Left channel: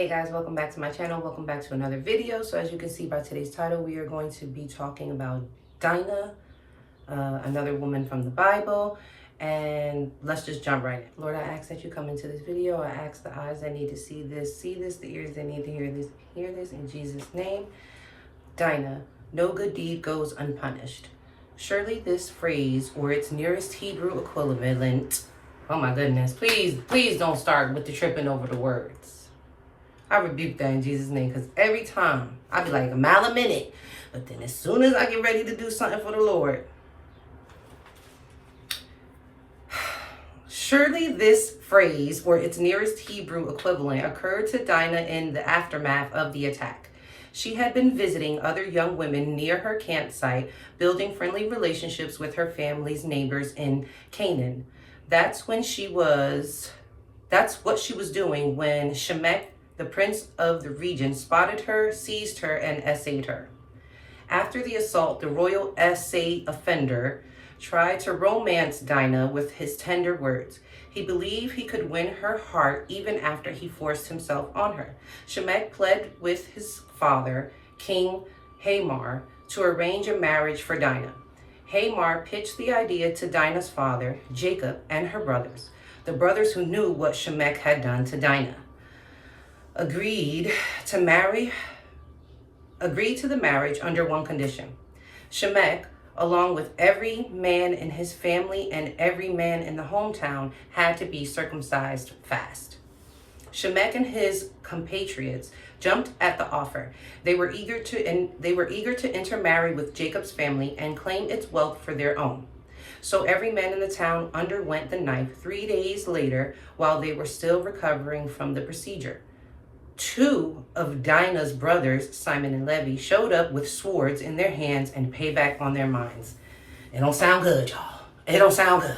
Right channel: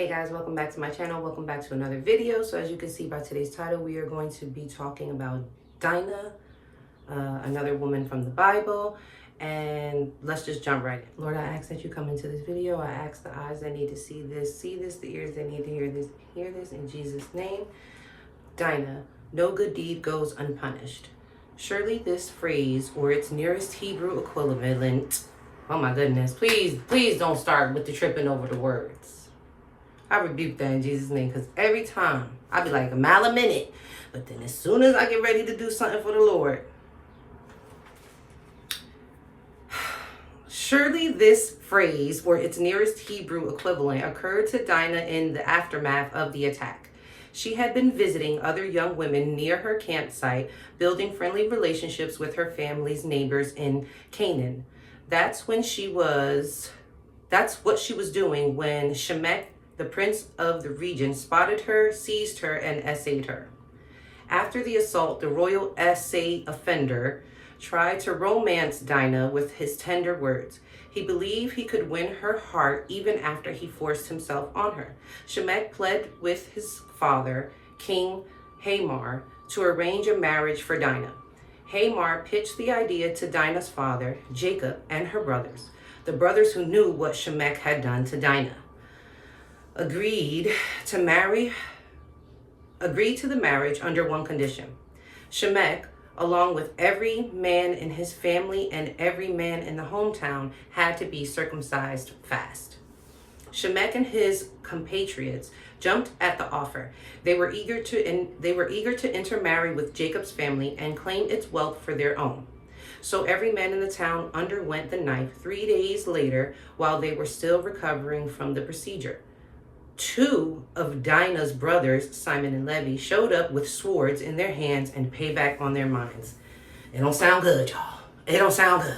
Hey guys, welcome back to my channel. Welcome back to another video. So as you can see by today's title, we are going to be talking about DINAH, another woman from the Bible. And let's just jump right in. Lord, I ask that you come into this video. I ask the eyes that need to see this, the ears that need to hear this in Jesus' name. DINAH, no good deed goes unpunished. Surely this phrase or its nearest Hebrew equivalent, oh my goodness, please don't start with the tripping over the words. I rebuke that in Jesus' name, because every time I be like a mile a minute, but then as soon as I get ready to do something for the Lord, surely this phrase or its nearest Hebrew equivalent occurred to DINAH in the aftermath of the attack. She had been visiting other young women near her campsite, building friendly relationships with her family's neighbors in Canaan. That's what she was doing when Shemek, the prince of the region, spotted her, seized her, and essayed her. After the assault, the royal essay offender tried to romance DINAH with his tender words. He believed he could win her heart even after he forced himself on her. Shemek pled with his father, King Hamor, to arrange a marriage for DINAH. Hamor pitched the idea to DINAH's father, Jacob, and her brothers, the brothers who knew what Shemek had done to DINAH. Agreed to the marriage under one condition. Shemek, along with every man in his family and every man in the hometown, had to be circumcised fast. Shemek and his compatriots jumped at the offer. They were eager to intermarry with Jacob's family and claim its wealth for their own. So every man in the town underwent the knife. 3 days later, while they were still recovering from the procedure, 2 of DINAH's brothers, Simon and Levi, showed up with swords in their hands and payback on their minds. It don't sound good, y'all. It don't sound good.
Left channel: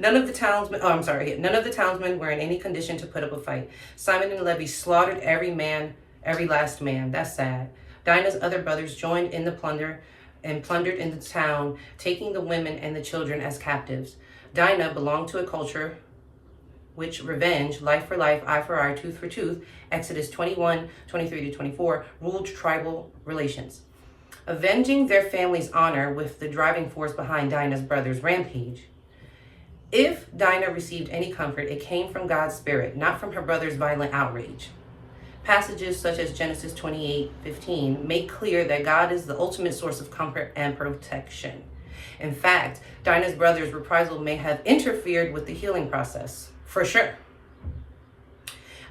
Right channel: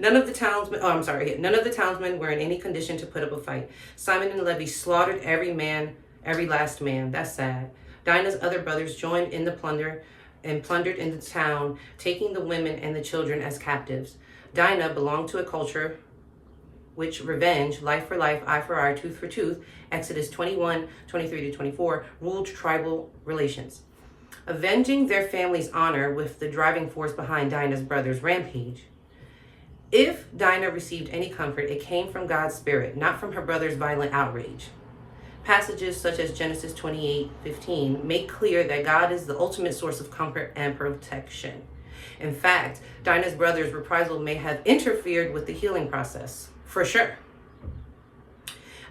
None of the townsmen were in any condition to put up a fight. Simon and Levi slaughtered every last man. That's sad. DINAH's other brothers joined in the plunder and plundered in the town, taking the women and the children as captives. DINAH belonged to a culture which revenge, life for life, eye for eye, tooth for tooth, Exodus 21:23-24, ruled tribal relations. Avenging their family's honor with the driving force behind DINAH's brothers' rampage. If DINAH received any comfort, it came from God's spirit, not from her brother's violent outrage. Passages such as Genesis 28:15 make clear that God is the ultimate source of comfort and protection. In fact, DINAH's brothers' reprisal may have interfered with the healing process. For sure.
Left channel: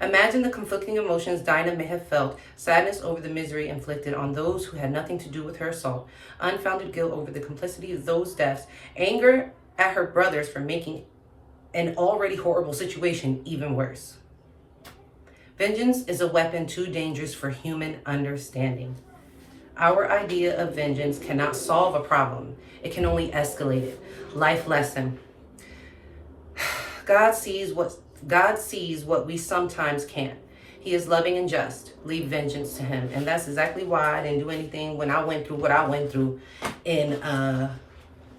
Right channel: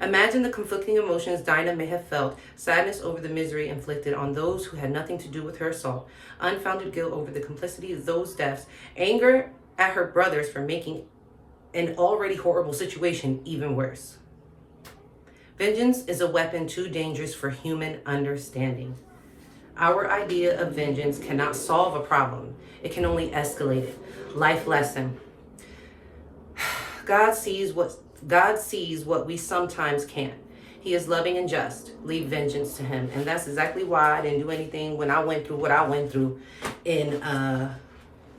Imagine the conflicting emotions DINAH may have felt: sadness over the misery inflicted on those who had nothing to do with her assault, unfounded guilt over the complicity of those deaths, anger at her brothers for making an already horrible situation even worse. Vengeance is a weapon too dangerous for human understanding. Our idea of vengeance cannot solve a problem. It can only escalate it. Life lesson. God sees what we sometimes can't. He is loving and just. Leave vengeance to him. And that's exactly why I didn't do anything when I went through what I went through in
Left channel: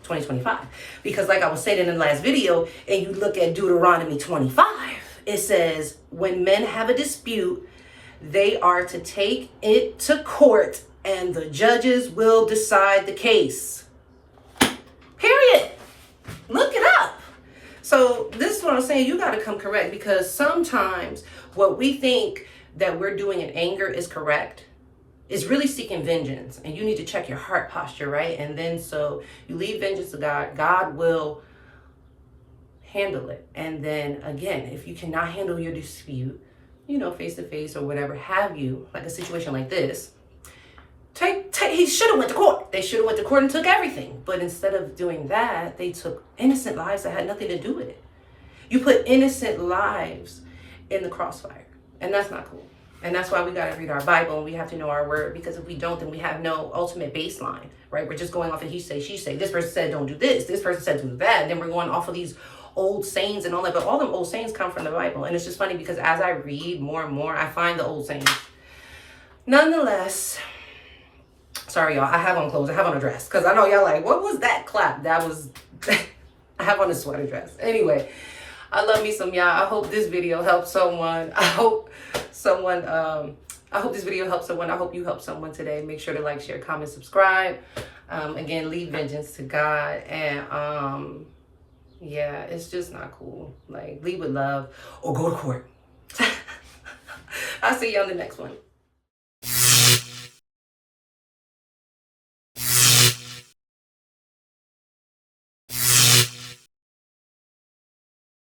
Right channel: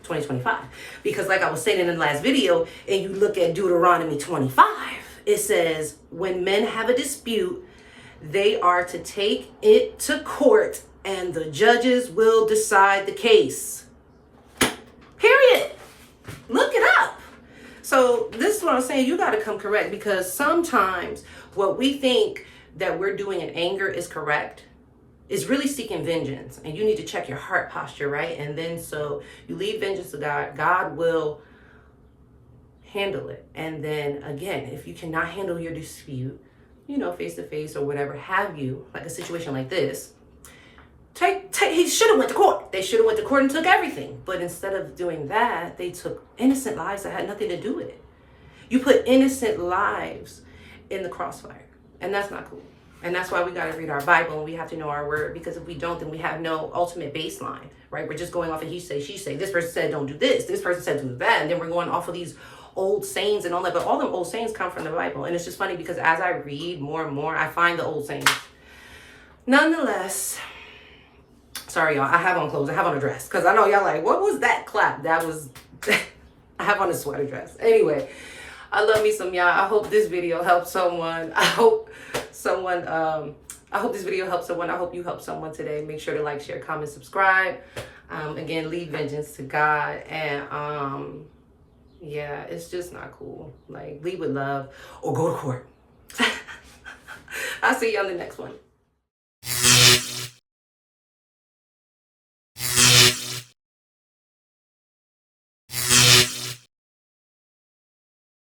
2025. Because like I was saying in the last video, and you look at Deuteronomy 25, it says, when men have a dispute, they are to take it to court and the judges will decide the case. Period. Look it up. So this is what I'm saying. You got to come correct, because sometimes what we think that we're doing in anger is correct is really seeking vengeance. And you need to check your heart posture, right? And then so you leave vengeance to God. God will handle it. And then again, if you cannot handle your dispute, face to face or whatever have you, like a situation like this, he should have went to court. They should have went to court and took everything. But instead of doing that, they took innocent lives that had nothing to do with it. You put innocent lives in the crossfire. And that's not cool. And that's why we got to read our Bible and we have to know our word. Because if we don't, then we have no ultimate baseline, right? We're just going off of he say, she say. This person said don't do this. This person said do that. And then we're going off of these old sayings and all that. But all them old sayings come from the Bible. And it's just funny because as I read more and more, I find the old sayings. Nonetheless, sorry, y'all. I have on clothes. I have on a dress. Because I know y'all like, what was that clap? That was, I have on a sweater dress. Anyway, I love me some y'all. I hope this video helps someone. I hope someone, I hope this video helps someone. I hope you help someone today. Make sure to like, share, comment, subscribe. Again, leave vengeance to God. And yeah, it's just not cool. Like, leave with love or go to court. I'll see you on the next one.